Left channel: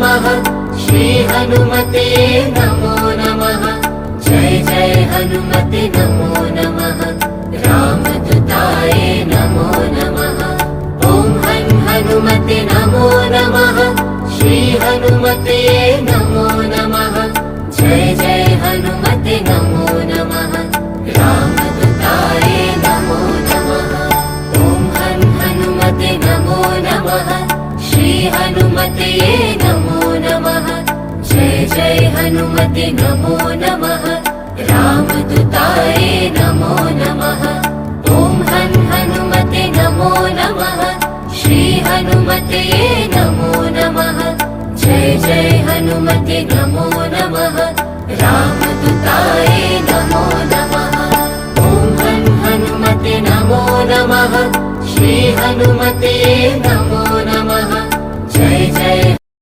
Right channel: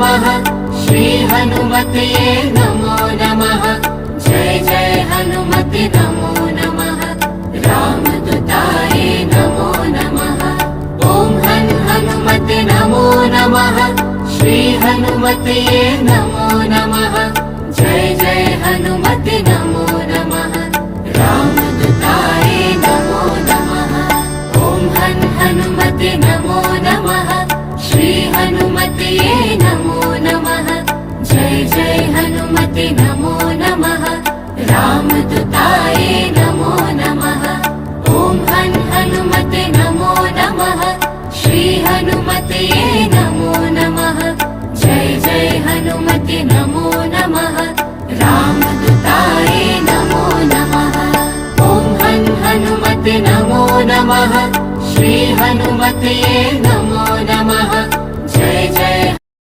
नमः श्री हनुमते नमो नमः जय जय हनुमते नमो नमः रामदूताय नमो नमः ॐ हनुमते नमो नमः श्री हनुमते नमो नमः जय जय हनुमते नमो नमः रामदूताय नमो नमः ॐ हनुमते नमो नमः श्री हनुमते नमो नमः जय जय हनुमते नमो नमः रामदूताय नमो नमः ॐ हनुमते नमो नमः श्री हनुमते नमो नमः जय जय हनुमते नमो नमः रामदूताय नमो नमः ॐ हनुमते नमो नमः श्री हनुमते